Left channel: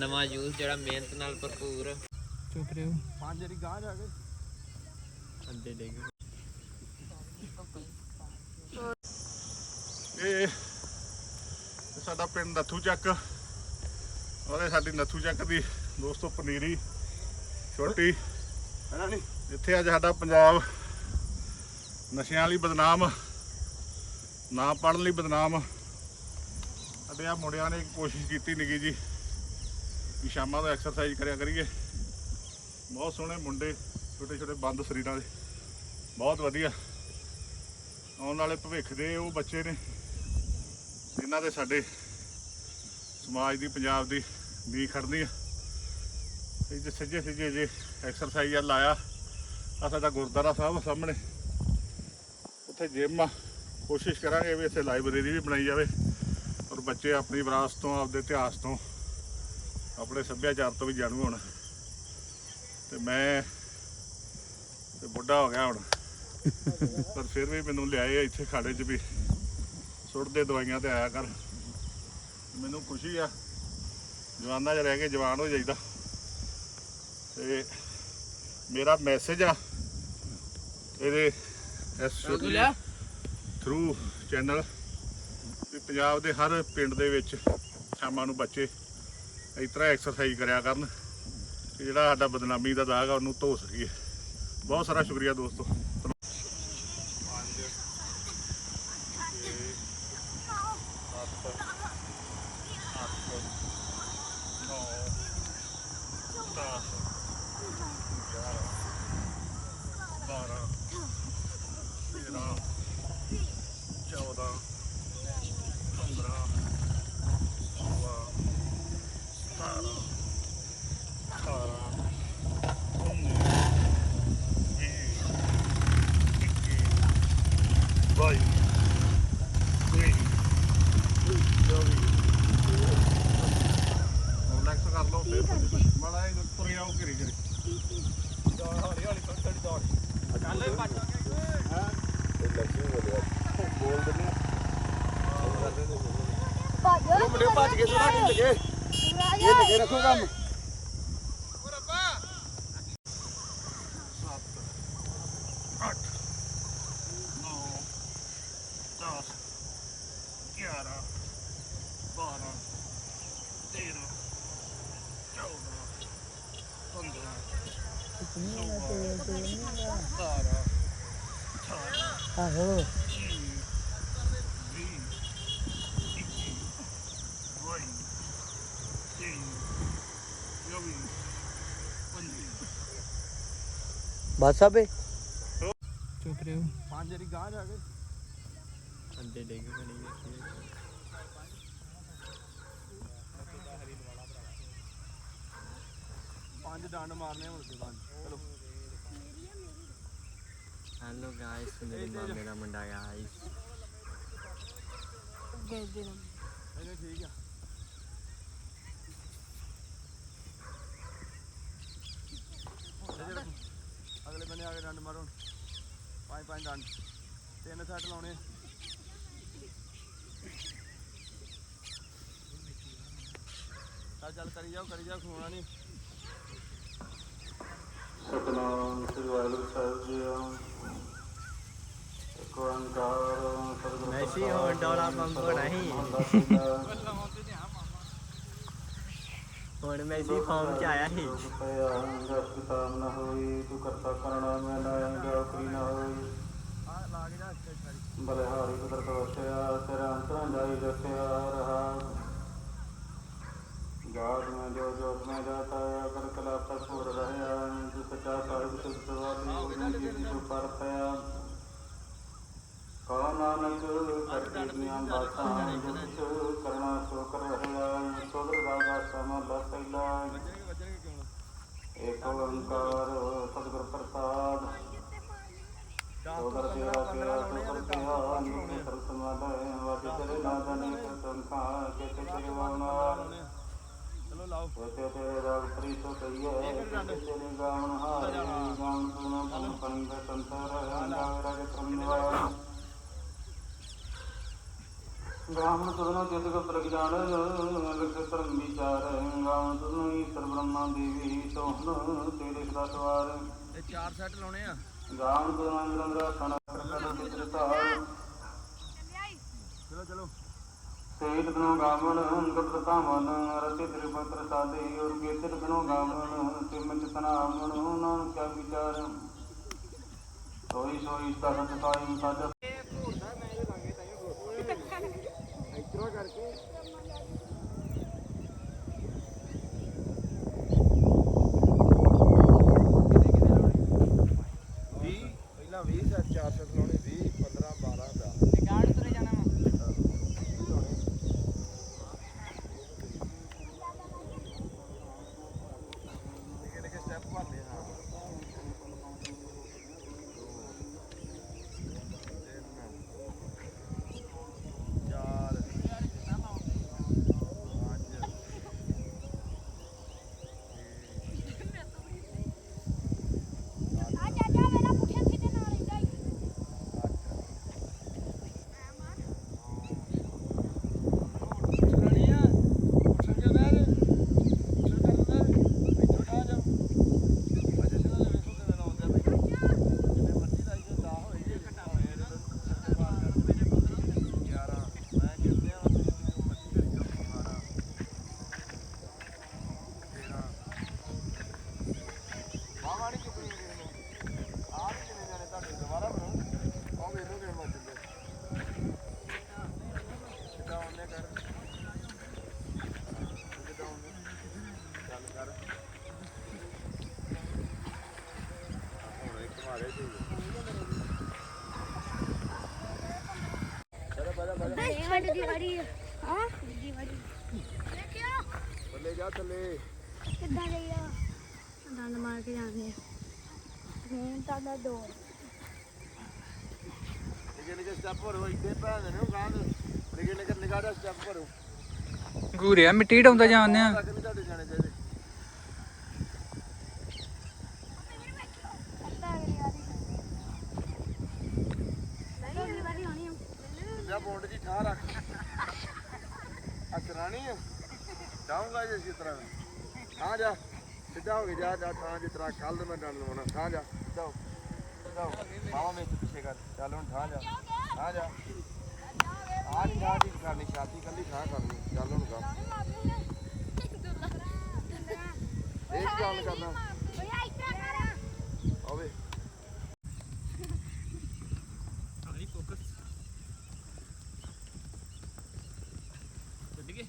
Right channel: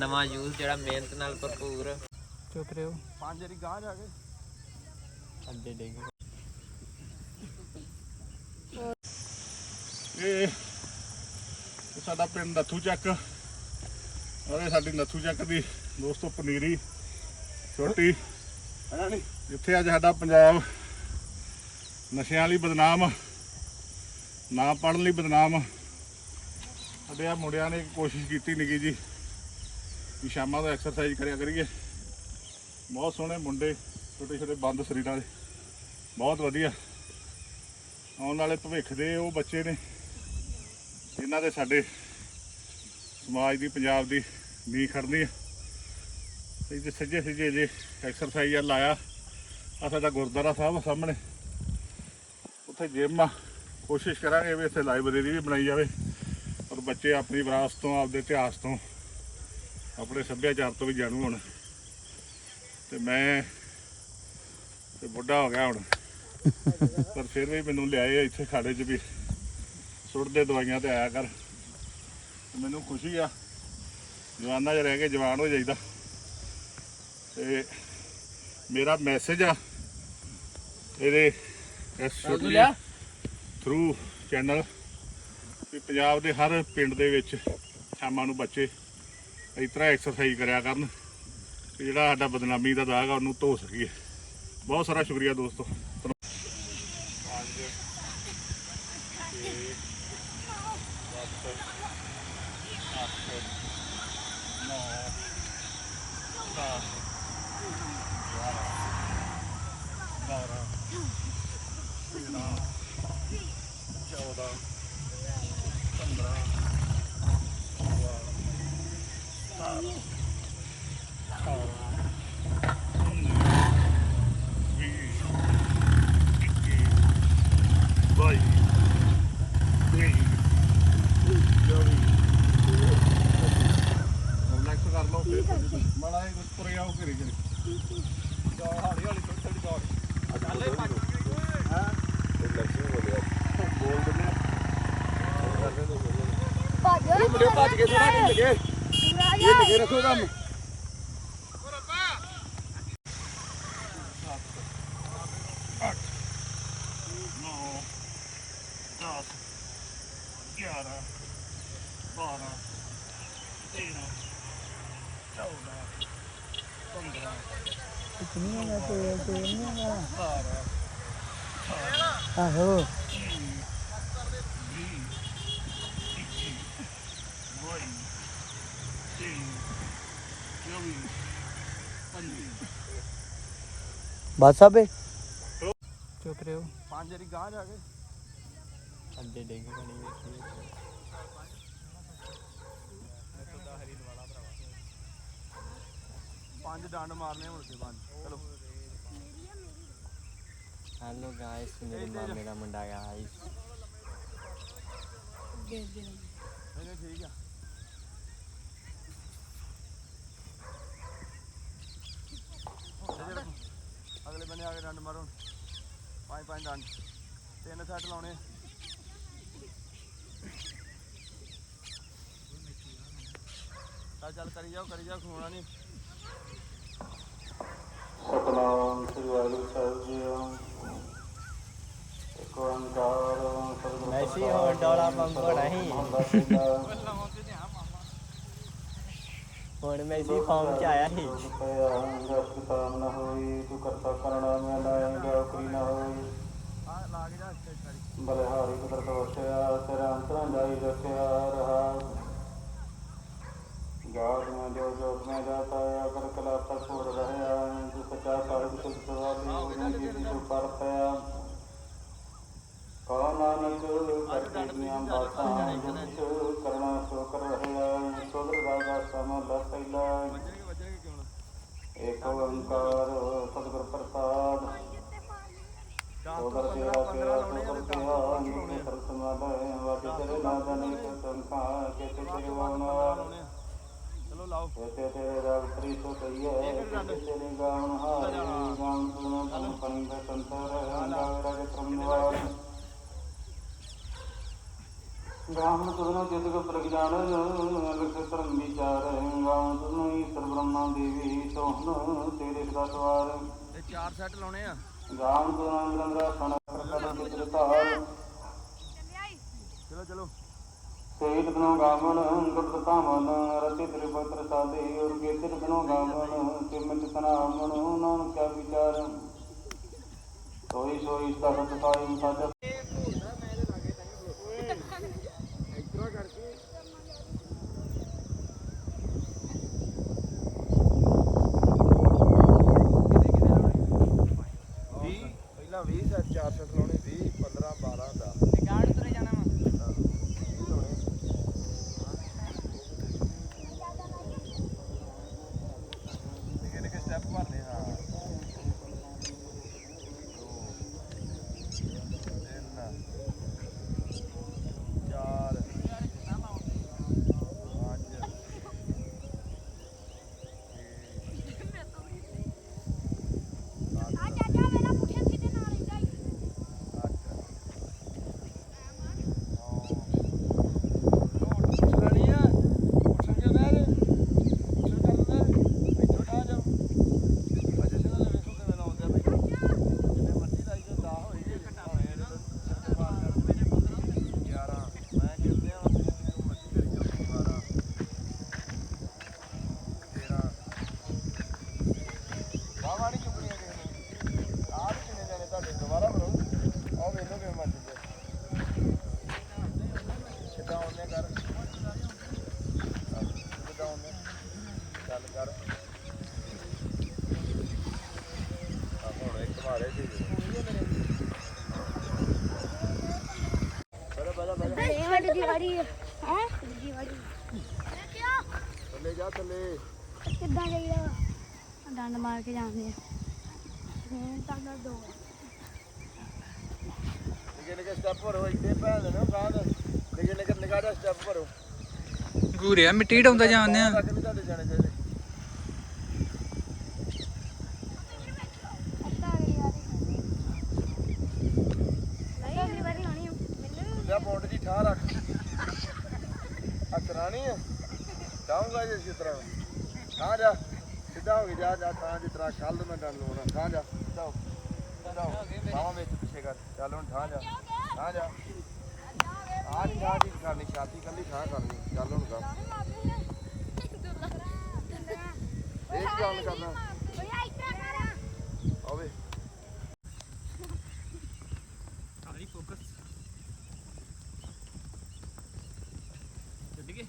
ਨਵਾਂ ਜੂਸ ਜਿਹੜਾ ਮਿਹਨਤ ਨਾਲ ਭਰਪੂਰ। ਚੁੱਪ ਰਿਓ ਪੰਜ ਵਾਰੀ ਗਾਂ ਜਾ ਕੇ। ਅੱਡੇ ਡਿੱਗ ਇਹ ਇਹ। ਸਾਡਾ ਪਿੰਡ ਨੱਥੂ ਚੱਕ। ਔਰ ਇਹ ਸਾਡੀ ਨੱਥੂ ਚੱਕ ਦੀ ਦੋਸਤੋ ਪਨੀਰੀ ਛੋਟੀ ਹੈ ਨਹੀਂ ਜਿੱਥੇ ਅੱਜ ਸਾਡਾ ਪੰਜਾਬ ਨਸ਼ਿਆਂ ਲਈ ਬਦਨਾਮ ਨਾ ਪੜਨ ਲਈ ਬਦਨਾਮ। ਸਾਡੇ ਆ ਮੁੰਡਿਆਂ ਨੇ ਕੋਸ਼ਿਸ਼ ਕੀਤੀ ਨਿੱਕੀ ਜੀ। ਵੀ ਸ਼ਾਮਾਂ ਦਾ ਐਕਸਰਸਾਈਜ਼ ਕਰਿਆ ਕਰੀਏ। ਬਹੁਤ ਸੋਹਣੇ ਮੁੰਡੇ, ਛੋਟੇ ਛੋਟੇ ਬੰਦ ਸਰੀਰਾਂ ਦੇ। ਬਹੁਤ ਵਧੀਆ। ਆਉਣ ਵਾਲੇ ਭਵਿੱਖ ਦੇ ਉਹ ਬੱਚੇ ਨੇ, ਜਿਨ੍ਹਾਂ ਦੇ ਸਾਡੇ ਸਮਾਜ ਦੀ, ਪੰਜਾਬ ਦੀ ਨੀਂਹ ਖੜਨੀ ਆ। ਤੇ ਜੇ ਸੱਜੇ ਸੱਜੇ ਜੇ ਐਕਸਰਸਾਈਜ਼ ਆ ਲਾਇਆ ਆ ਸਾਡਾ ਗੁਰਦੁਆਰਾ ਸਾਹਿਬ ਸਾਹਮਣੇ। ਉੱਥੇ ਜਿਮ ਆ। ਕੋਸ਼ਿਸ਼ ਕਰਾਂਗੇ ਵੀ ਇੱਥੇ ਲਾਇਬ੍ਰੇਰੀ ਵੀ ਬਣਾਈ ਜਾਵੇ। ਔਰ ਬੱਚੇ ਆਪਣੀ ਵਿਰਾਸਤ ਤੋਂ, ਆਪਦੇ ਇਤਿਹਾਸ ਤੋਂ ਆਪਣੇ ਸੱਭਿਆਚਾਰ ਤੋਂ ਵੀ ਜਾਣੂ ਹੋਣ। ਤੇ ਮੈਂ ਤੇ ਬੁੱਢਾ ਹੋ ਗਿਆ ਹੁਣ। ਪਰ ਫਿਰ ਵੀ ਮੈਨੂੰ ਲਿਆਏ ਇੱਥੇ ਖਾੜੇ 'ਚ ਵੀ। ਸੁੱਟਦੇ ਦਵਾਈਆਂ ਤੇ ਆਇਆ ਕਰ। ਮੈਨੂੰ ਖੁਸ਼ੀ ਆ। ਜਵਾਨਾਂ 'ਚ ਰਹਿ ਕੇ ਜਵਾਨ ਹੋ ਜਾਈਦਾ। ਤੇ ਮੇਰਾ ਮੈਸੇਜ ਆ ਇਹਦੇ ਇਸ ਥਰੂ ਚੈਨਲ ਵੀ ਪੰਜਾਬ ਦੇ ਹਰ ਪਿੰਡ ਦੇ ਵਿੱਚ ਸ਼ਾਮਾਂ ਨੂੰ ਬੱਚੇ ਇਸ ਤਰ੍ਹਾਂ ਐਕਸਰਸਾਈਜ਼ ਕਰਿਆ ਕਰਨ ਤੇ ਜਿਹੜਾ ਸਾਡਾ ਬਦਨਾਮੀ ਦਾ ਦਾਗ ਆ, ਉਹਨੂੰ ਧੋ ਸਕੀਏ। ਬਹੁਤ ਸਾਰਾ ਸ਼ੁਕਰੀਆ ਦੋਸਤੋ। ਰਿਲੈਕਸ ਕਰ ਲਓ ਮਾੜਾ ਜਿਹਾ ਤੁਰੇ ਆਓ ਘਰੀ ਘਰੀ। ਹਾਲੀ ਹਾਲੀ ਥੋੜੀ ਥੋੜੀ ਦੌੜ ਚੱਲੇ ਭੱਜ ਹਾਂ ਰਿਲੈਕਸ ਹੋ ਗਿਆ ਬੋਲ ਦਿੰਦੇ ਉਹ ਮੁੰਡੇ ਭੱਜ ਕੇ ਥੋੜਾ ਨਹੀਂ ਲੱਗੇ ਇਹ ਲੱਗੇ ਰੱਖੋ ਕੰਮ। ਬਾਰਾਂ ਤੇਰਾਂ ਚੌਦਾਂ ਆਹੋ ਵੀਹ ਇੱਕੀ ਬਾਈ ਤੇਈ ਚੌਵੀ ਪੰਜੀ ਬਸ ਆਬੇ ਚੁੱਪ ਰਿਓ ਪੰਜ ਵਾਰੀ ਗਾਂ ਜਾ ਕੇ ਅੱਡੇ ਡਿੱਗ ਬਣੀ ਵੇਖੀ ਪੰਜ ਡੰਡ ਮਾਰਨੇ ਮੁੜ ਕੇ ਪੰਜ। ਚਲੋ। ਹੈਲੋ ਗਾਇਸ ਮੇਰੇ। ਮਾਮੇ ਦਾ ਮੁੰਡਾ ਗਾਇਸ ਇਹਨੇ ਠੀਕ ਆ। ਅਗਲੇ ਬੰਨੇ ਆ ਕੇ ਡੰਡ ਮਾਰੋ। ਪੰਜ ਪੰਜ ਡੰਡ। ਤਿੰਨ ਸੈੱਟ ਲਾਉਣੇ ਚੱਲ ਚੱਲ ਕਰੀ ਜਾਓ ਕਰੀ ਜਾਓ ਖੋਣਾ ਨਹੀਂ ਸਤਨਾਮ ਸ੍ਰੀ ਵਾਹਿਗੁਰੂ ਸਾਹਿਬ ਜੀ ਇੱਕ ਓੰਕਾਰ ਸਤਿਗੁਰੂ ਮੈਸੀ ਹੋਣ ਡੋਲਾ ਪੰਪ ਹੋਣਾ ਸੀ ਹੁਣ ਮੈਸੀ ਫਾਰਮ ਚ ਆਇਆ ਸੀ। ਨਾ ਹੋਈ ਤੂੰ ਕਰਤਾ ਕਰਣਾ ਮੈਂ ਲਾਇਆਗਾ ਕੋਈ ਨਾ ਹੋਈ। ਆ ਲਾ ਕੇ ਜਾ ਬਲਿਹਾਰੀ ਕੁਦਰਤ ਵਸਿਆ ਤੇਰਾ ਅੰਤਰਾਂ ਜਾਈ ਰਖਿਆ ਰਹਾ। ਗਾਦ ਮੈਂ ਜੋ ਜੋਤ ਮੈਂ ਜਾਤਾ ਅਗਰ ਕਲਾ ਤਕ ਹੋ ਰਹਿਆ ਜੋ ਸਚਾ ਸਾਹਿਬ ਸੁਧ ਸਵਾਲੀ ਜੀ ਜੀ ਜੋ ਪਰਤਿਆ ਕਾ ਨਾਨਕ ਕਰਤੀਆਂ ਬਾਤਾਂ ਜਿਸ ਕਰਨਾ ਸੋ ਕਰ ਰਹਿਆ ਸੋਦਰ ਰਾਗਾ ਸਮ ਲਸੈਲਾ ਏਕ ਓੰਕਾਰ ਸਤਿਗੁਰ ਪ੍ਰਸਾਦ। ਸੋਦਰ ਤੇਰਾ ਤੇਰਾ ਸੋਦਰ ਤੇਰਾ ਨਿਤ ਮਾਲੇ ਵਾਜ ਤੇਰੇ ਨਾਦਨ ਸੰਖਾ ਕੇ ਤੇ ਜਵਾਨਾ ਚਲੋ ਲਾਓ। ਤੇ ਤੇਰੇ ਰਾਗ ਪ੍ਰੀ ਸੋ ਕਈਏ ਤੇਰੇ ਗਾਉਣ ਸੁਣੋ ਤਨ ਪੰਗ ਸੰਤਰ ਗਾਵ ਰਾਗ ਪ੍ਰੰਦਵਾਰ ਗਾਵਣ ਤੁਰਨੋ ਜਿਤ ਕੋ ਪ੍ਰਗਜਾਨ ਲਖ ਧਰਮ ਵਿਚਾਰ ਗਾਵਣ ਤੁਰਨੋ ਸੁਨਾ ਦੇਵੀ ਤੋਹਨ ਤੇਰੇ ਸਦਾ ਸਵਾਰ ਇਹ ਚਾਰ ਸੈੱਟ ਲਾਉਣੇ ਆ। ਗਾਮ ਗੁਰਾਂ ਗੰਗਾ ਸਨ ਕਰਕਟ ਚਿਤ੍ਰ ਧਾਰ ਚਲੋ ਚਲੋ। ਸੇਤ ਬਿਨੋ ਗਾਵਨ ਗੁਪਤ ਧਾਮਨ ਰਤੇ ਤ੍ਰਿਪਤਰ ਸਾਦੇ ਔਰ ਕੇਤਰ ਬਿਨੋ ਗਾਵਨ ਸਿਮਤ ਤਨਾਮਨ ਨਾਨਕ ਕਾ ਵਿਚਾਰ ਸੋਈ ਸੋਈ ਸਾਜਾ ਪਹਿਲਾਂ 20 ਸੈੱਟ ਚਾਰ ਸੈੱਟ ਲਾਉਣੇ 20 15 12 ਦਾ ਗਾੜ ਤੁਰੇ ਜਾਣਾ ਵਾ ਨਿੱਕੇ ਨਿੱਕੇ ਸਟੈਪ ਭਰਨੇ ਹਾਂ ਦੋ ਤਿੰਨ ਚਾਰ ਪੰਜ ਆ ਚਾਚਾ ਮੇਰਾ ਪੁੱਠੇ ਸਿੱਧੇ ਨਾਲ ਰਹਿੰਦਾ ਈ। ਅੱਠ ਨੌ ਰਣੀਆ ਉੱਠ ਕੇ ਬਹਿ ਉੱਠ ਕਰ ਦੇ ਛੋਟਾ ਜਾ ਅਜੇ ਸੇ ਨਾਲ ਵੇਖੋ ਕਿਵੇਂ ਲਾਉਂਦੇ ਆ ਬਈ ਜਿੰਨੇ ਮਰਜ਼ੀ ਲਾਈ ਜੋ ਦਾ ਹੋਈ ਜੇ ਘਟਾ ਹੋਏ ਇਹਦੇ ਤੋਂ ਬਾਹਰ ਕਰ ਦੇ ਜੇ 15 11 ਮੈਂ ਕਹਿੰਦੇ ਆ ਜਿੰਨੇ ਮਰਜ਼ੀ ਕਰੀ ਜੋ 12 13 ਬਾਵਾ ਨਹੀਂ ਚੁੱਕਣੀ ਕਿਸੇ ਨੇ ਆਹ ਵੀ ਕਿੰਨੇ ਜਾਣੇ ਤੁਹਾਡੇ ਦੁਬਾਰਾ ਕਰੋ ਆਹ ਵੇਖੋ ਕਿਵੇਂ ਮੱਚਦੇ ਸਿੱਧਾ ਉਹਨੇ ਕਰ ਸਿੱਧਾ ਉਹਨੇ ਚੱਲ ਕਰ ਆ ਹੁਣ ਇੱਕ ਮਾਰੇ ਜੀ ਵੱਡੀ ਵਾਰੀ ਹਾਂ ਵੱਡੀ ਵਾਰੀ ਦੇਖਿਓ ਥੱਲੇ ਜਾ ਥੱਲੇ ਕਿੱਦਾਂ ਜਾਈਦਾ ਡੰਡ ਮਾਰ ਕੇ ਜਾਂਦੇ ਆ ਹੁਣ ਤੁਹਾਡਾ ਦੋ ਨਿੱਕੇ ਨਿੱਕੇ ਸਟੈਪ ਭਰੋ ਇੱਥੇ ਭੈਣ ਦੇ ਨੇ ਗਾਂ ਦੇ ਨਿੱਕੇ ਨਿੱਕੇ ਨਿਗਾਹ ਦਾ ਸਟੈਪ ਭਰੋ ਗੂਰਿਆ ਮਿੱਟੀ ਢਾਉਂਦਾ ਜਾਂਦੇ ਆ ਤੱਕ ਨਹੀਂ ਤੁਹਾਡੇ ਜਾਣੇ ਚਾਹੀਦੇ ਅੱਧਾ ਅਗਲੀ ਵਾਰੀ ਅਗਲੀ ਵਾਰੀ ਹੋਣੀ ਆ। ਤੁਲਿਆ ਪੌਂਡ ਜੀ ਠਾਹ ਰੱਖ। ਅਸਰਾਣੀ ਹੈ ਡਾਉਂਗਾ ਜੇ ਇਸੇ ਤਰ੍ਹਾਂ ਠਾਹ ਜਾ। ਸਿੱਧਾ ਹੋ ਕੇ ਜਾ ਜਾ ਠਾਹ ਜਿਸ ਤਰ੍ਹਾਂ ਕੱਲ ਮੈਂ ਡੰਡ ਲਵਾਉਣਾ। ਠਾਹ ਜਾ। ਸਿੱਧਾ ਹੋ। ਸਿੱਧਾ ਹੋ। ਬਾਹਾਂ ਵਿੱਚ ਪਿੱਛੇ ਕਰ। ਚੱਲ ਹੁਣ ਠਾਹ ਜਾ। ਠਾਹ ਜਾ। ਆਹ ਨਹੀਂ ਠਾਹ ਜੀ ਕਰਨੀ ਛਾਤੀ ਕੱਲੀ ਠਾਹ ਕਰਨੀ। ਚੱਲ ਹੁਣ ਗਾ ਇਹ ਕੀ ਗੱਲ ਕਰਨਾ ਓਏ ਇੱਥੇ ਕਰ ਆਵੇ ਸਾਰੀ ਫੋਕਸ ਚੱਲ ਗਏ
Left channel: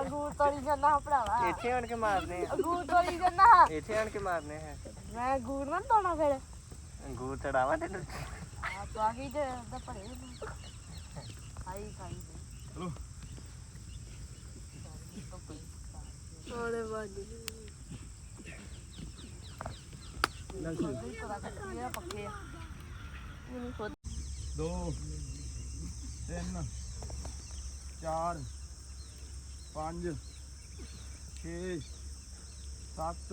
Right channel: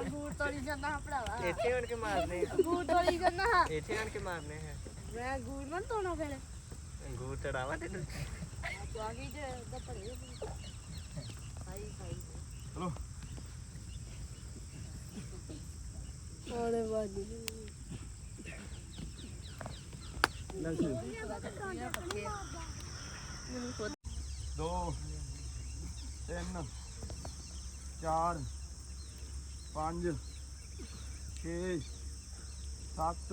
ਅੰਗੂਰ ਤੋੜੀ ਜਾਂਦਾ ਭਰਾਵਾ ਇੱਥੇ ਆਣ ਕੇ ਮਾਰਨੇ ਆ। ਅੰਗੂਰ ਤੋੜੀ ਜਾਂਦਾ ਇੱਥੇ ਆਣ ਕੇ ਮਾਰਨੇ ਆ। ਮੈਂ ਅੰਗੂਰ ਨਾ ਤੋਣਾ ਫਿਰ। ਅੰਗੂਰ ਚੜਾਵਾ ਤੇ ਆ ਬਾਕੀ ਤੇ ਉਹਦਾ ਭਰੇ ਖਾਈ ਖਾਈ ਚਲੋ। ਉਹਦੇ ਬਾਜੀ ਦੋ ਤਿੰਨ ਚਾਰ ਪੰਜ ਛੇ ਸੱਤ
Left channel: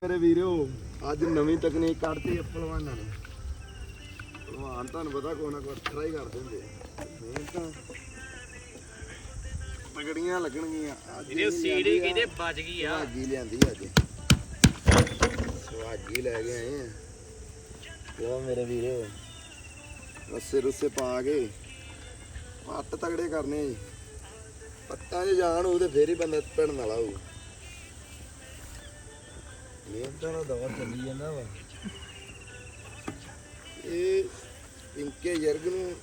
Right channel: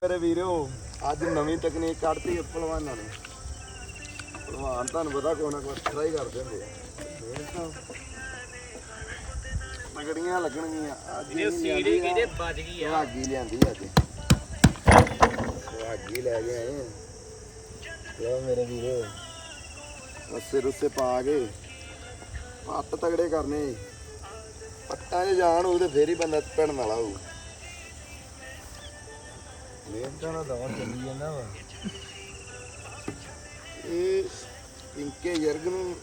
ਕਰੇ ਵੀਰੋ ਅੱਜ ਨਵੀਂ ਤਕਨੀਕ ਕੱਢਤੀ ਪਹਿਲਵਾਨਾਂ ਨੇ। ਪਹਿਲਵਾਨ ਤੁਹਾਨੂੰ ਪਤਾ ਕੋਈ ਨਾ ਕੋਈ ਵੱਖਰਾ ਕਰਦੇ ਹੁੰਦੇ ਆ। ਮਿਹਨਤ ਲੱਗਣਗੀਆਂ। ਅੱਜ ਇਹਦੇ ਸੀੜੀ ਕਿਤੇ ਵੱਜ ਗਈ ਆ। ਭਾਗੀ ਲਿਆਂਦੀ ਅੱਜ। ਭਾਗੀ ਲੈ ਗਏ ਆਏ ਲੋ ਮੇਰੇ ਵੀਰੋ ਰਸੇ ਰੁੱਸੇ ਪਾ ਕੇ। ਪੱਟ ਤਗੜੇ ਕਰਨੇ। ਪੱਟਾਂ 'ਚ ਜਾਣ ਉਹ ਤੇ ਫੇਰ ਹੀ ਬੰਦਾ ਭਿੜਨ ਵਾਲਾ ਹੋਊ। ਮਿਹਨਤਾਂ ਨਾਲ ਦਵਾ ਚੱਲੀ ਜਾਂਦਾ ਵਾ। ਇਹ ਪਿੰਕੇ ਜਰਗ ਨੂੰ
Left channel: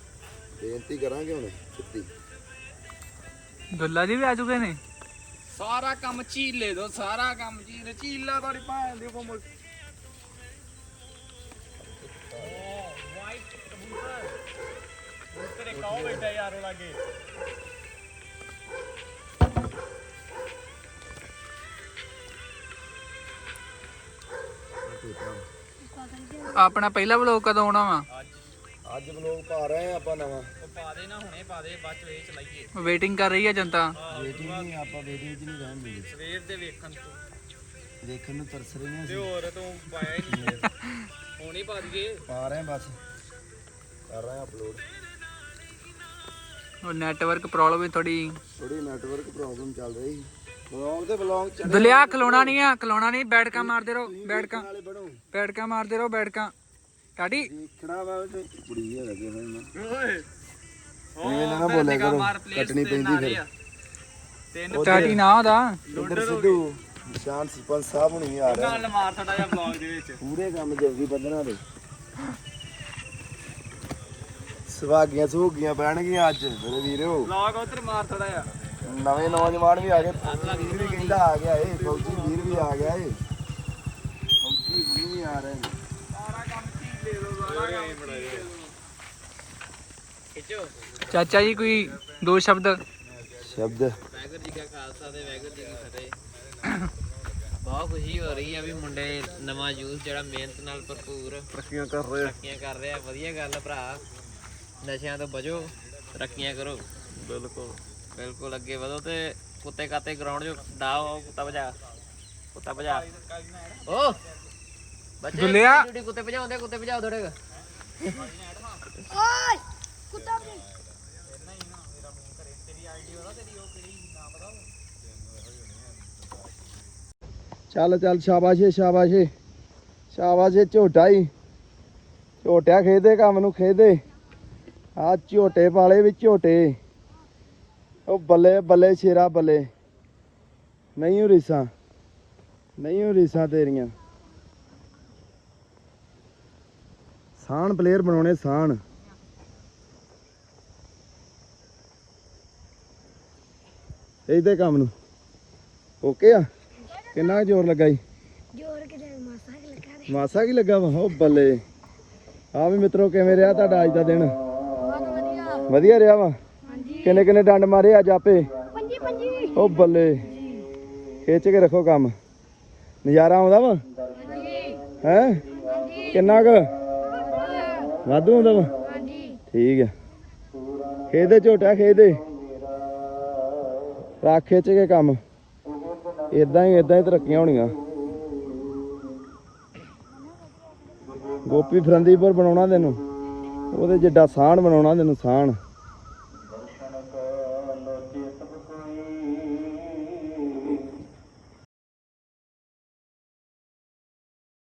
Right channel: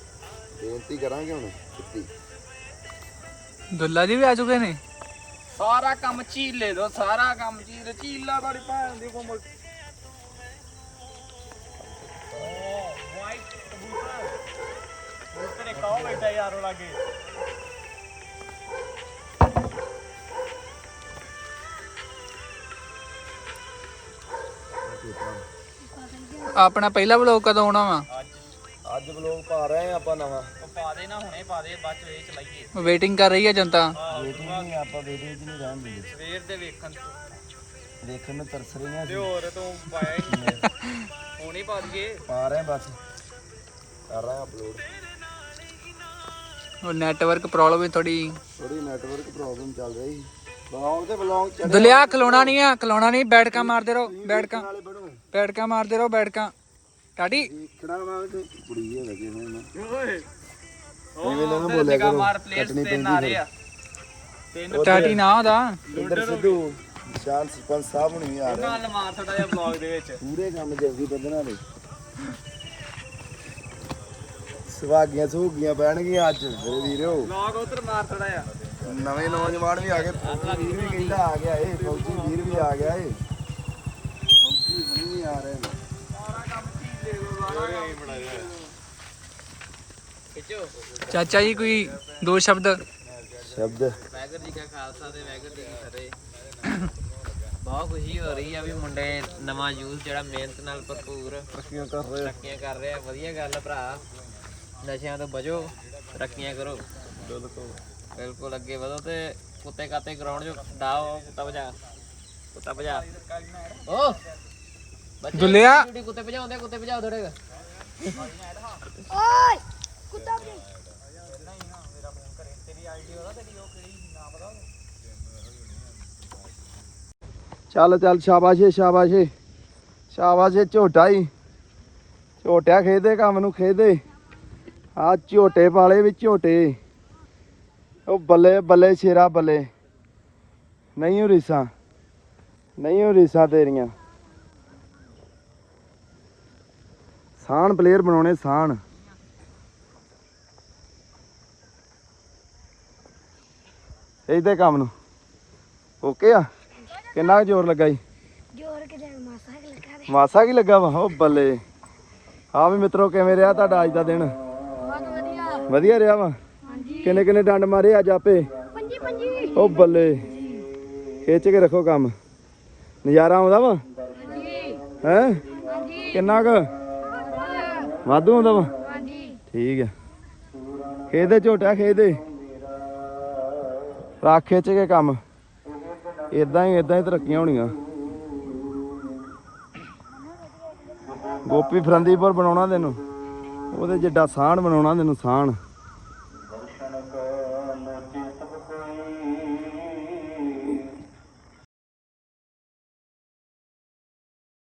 ਬੇਨਤੀ ਕਰਾਂਗੇ ਹੁਣ ਛੁੱਟੀ। ਦੁੱਲਾ ਜੀ ਵੀ ਆ ਚੁੱਕੇ ਨੇ? ਸਾਰਾ ਕੰਮ ਝੀਲੇ ਦੋ ਸਾਰਾ ਕੰਮ ਝੀਲ ਝੀਲਾ ਤੁਹਾਡੀ ਭੈਣ ਦੀ ਕੋ ਤੇਰੇ ਕਾਹ ਬੈਠਾ ਯਾਰੋ ਲਾਗੇ। ਆਪਣਾ ਪਹਿਲਾ ਵਲੋਗ ਕਦੋਂ ਆਉਣਾ ਵਾ? ਅੱਜ ਬਲੌਗ ਪਾ ਰਹੇ ਆ ਆਪਾਂ ਨਵਾਂ। ਉਹ ਪਾ ਦੇ ਨਾ ਹੁਣੇ ਪਾ ਦੇ ਬਾਅਦ ਚ ਇਹ ਚਲਾਈਏ। ਵੇਟਿੰਗ ਕਰ ਰਹੀ ਹੈ ਜਨਤਾ? ਵੇਟਿੰਗ ਨਹੀਂ ਆਪਾਂ ਵੇਟਿੰਗ 'ਚ ਨਹੀਂ ਰਹਿਣ ਦਿੰਦੇ। ਸਵੇਰ ਦੇ ਵੇਖਣ ਤੋਂ। ਦੇਖਣ ਨੂੰ ਤਰਸ ਰਹੀਆਂ ਤੇ ਸੀ ਹੋਰ ਤੂੰ ਪਾਇਆ ਹੀ ਨਹੀਂ। ਹੁਣ ਹੀ ਪਾ ਦਈਏ। ਪਾ ਰਹੇ ਆ ਬਸ। ਕਰ ਰਹੇ ਆ ਅਪਲੋਡ ਉਹ ਨੈਟਵਰਕ ਪ੍ਰੋਬਲਮ ਹੈ ਥੋੜੀ ਥੋੜੀ ਨੈਟਵਰਕ ਪ੍ਰੋਬਲਮ ਚੱਲ ਰਹੀ। ਬਲੌਗ ਤੇ ਬਲੌਗ ਚੜੇ ਦੁਲਿਆ ਖਲੋਣਾ ਨਹੀਂ ਆ ਖਲੋਣਾ ਨਹੀਂ ਬੈਠਕਾਂ ਮਾਰਦੇ ਰਹੋ ਬੈਠਕਾਂ। ਬੈਠਕਾਂ ਮਾਰਦੇ ਰਹੋ ਬੈਠਕਾਂ। ਟਾਟੀ ਦੇਖਣਾ ਵਾ ਤੇ ਕੁੜੀ ਹੈ ਲੱਗੇ ਹੋਏ ਨਾ ਓਏ। ਐਵੇਂ ਨਾ ਬੋਲਿਆ ਕਰੋ ਕੱਟਣੀ ਪੈਂਦੀ ਫਿਰ ਤਿੰਨ ਟਾਟੀ ਨਾ ਉਹਦਾ ਇੱਧਰ ਸਿੱਧੂ ਨਿਸ਼ਾਨ ਸਰਪੰਚ ਸਾਹਿਬ ਹੁਣੀ ਆ ਰਹੇ। ਨਾਲ ਮਾਰ ਥੋੜਾ ਜਿਹਾ ਬਲੌਗ ਦੇ ਵਿੱਚ। ਪੂਰੇ ਕੰਮ ਜਲਦੀ ਵਧਣਾ ਦੇ ਸੁਹਾਗੀਆਂ ਸੁਹਾਗੀਆਂ ਪੈਣਗੀਆਂ ਅੱਜ ਮੇਰੇ ਵੀਰੋ। ਬਲੌਗ ਉਧਰ ਮਾਰ ਥੋੜਾ ਜਿਹਾ। ਨਵੇਂ ਨੌਜਵਾਨ ਵੀ ਆ ਗਏ। ਵੀਰ ਵੀ ਕਹਿੰਦਾ ਆ ਗਿਆ ਏ ਫੌਜੀ ਵੀਰ ਵੀ ਆ ਗਿਆ ਏ। ਫੌਜੀ ਹੁਣੀ ਵੀ ਆ ਰਹੇ ਨੇ। ਖਿੱਚੋ ਚਾਚਾ ਜੀ ਕੋਈ ਦੋ ਸ਼ਬਦ? ਸ਼ਬਦ। ਵਾਹਿਗੁਰੂ ਜੀ ਕਾ ਖਾਲਸਾ ਤੇ ਵਾਹਿਗੁਰੂ ਜੀ ਕੀ ਫਤਿਹ। ਬਹੁਤ ਖੁਸ਼ੀ ਹੋ ਰਹੀ ਆ ਵੀ ਮੁੰਡੇ ਨਵਾਂ ਯੂਥ ਜਿਹੜਾ ਮਿਹਨਤ ਨਾਲ ਭਰਪੂਰ ਤਰੱਕੀਆਂ ਕਰ ਰਹੇ ਤਰੱਕੀਆਂ ਕਰ ਰਿਹਾ ਵਧੀਆ ਗੱਲ ਆ ਭਰਾ। ਨਸ਼ਿਆਂ ਤੋਂ ਬਚੋ ਤਰੱਕੀਆਂ ਕਰੋ। ਬਿਲਕੁਲ। ਬਿਲਕੁਲ ਅੱਗੇ ਵਧੋ ਤੇ ਕੁੱਤੇ ਕਾਤੇ ਗਰਾਊਂਡ 'ਚ ਡਾਓ ਕੁੱਤਾ ਭਜਾ। ਕੁੱਤਾ ਭਜਾ। ਓ! ਬੱਚੇ ਦੁੱਲਿਆ। ਡਿਊਟੀ ਕੁੱਤੇ ਭਜਾਉਂਦੇ ਕੁੱਤੇ ਭਜਾਓ ਥੋੜੇ ਓਏ ਕੁੱਤਾ ਵੀ। ਚੱਲ ਚੱਲ ਸ਼ਾਬਾਸ਼ ਏ ਸ਼ਾਬਾਸ਼ ਏ। ਸ਼ਾਬਾਸ਼ ਏ ਝੋਟਾ ਹੀ ਝੋਟਿਆ ਖੇਦੇ ਕੰਮ ਨੂੰ ਖੇਦੇ ਆ ਝੋਟੇ ਵਾਲੇ ਵੀ ਝੋਟੇ। ਉਹ ਬੱਲੇ ਬੱਲੇ ਸ਼ੇਰਾ ਬੱਲੇ। ਨਹੀਂ ਉਹ ਰੀਸਾਂ ਨਹੀਂ ਉਹ ਰੀਸਾਂ ਤੇਰੀਆਂ। ਸਾਨ ਪਲੇਅਰ ਬਣਾਉਣੇ ਸਾਨ। ਇਹਦੇ ਕੰਮ ਨੂੰ। ਓਕੇ ਆ। ਕਿੰਨਾ ਜ਼ੋਰ ਲੱਗਾ ਜੀ? ਜੋਰ ਕਿਤੇ ਮਾਸਾ ਕਿ ਲੱਗਾ ਮਾਸਾ ਕੀ ਲੱਗਾ ਵਾ? ਉਹ ਬੱਲੇ। ਆ ਵੀ ਮਿੱਤਰੋ ਕਿਵੇਂ ਰਿਹਾ ਤੁਹਾਡਾ ਅੱਜ ਦਾ ਦਿਨ? ਵਧੀਆ ਰਿਹਾ ਵਾ? ਕਿੰਨੇ ਕਿੰਨੇ ਡੰਡ ਮਾਰੇ ਅੱਜ ਆਪੇ? ਪੰਜੀ ਪੰਜੀ ਉਹ ਬੱਲੇ। ਖਿੱਚ ਕੇ ਰੱਖੋ ਕੰਮ। ਨਜ਼ਾਰਾ ਆਉਂਦਾ ਵਾ? ਹਾਂਜੀ ਹੈ? ਕਿੰਨਾ ਕੁ? ਵਾਧੂ ਆਉਂਦਾ ਵਾ? ਹਾਂਜੀ ਠੀਕ ਹੈ ਖੇਦੇ ਝੋਟਾ ਖੇਦੇ ਰੱਖ ਖਿੱਚ ਕੇ ਕੰਮ। ਇਦਾਂ ਹੀ ਇਦਾਂ ਹੀ ਤਰੱਕੀਆਂ ਹੋਣੀਆਂ। ਗੋਪੀ ਫਰੰਦੀਪੁਰ ਬਣਾਉਣਾ ਤੈਨੂੰ। ਉਹਦੇ ਜਿੱਡਾ ਸਾਹਣ ਬਣਾਉਣਾ ਤੈਨੂੰ ਸਾਹਣ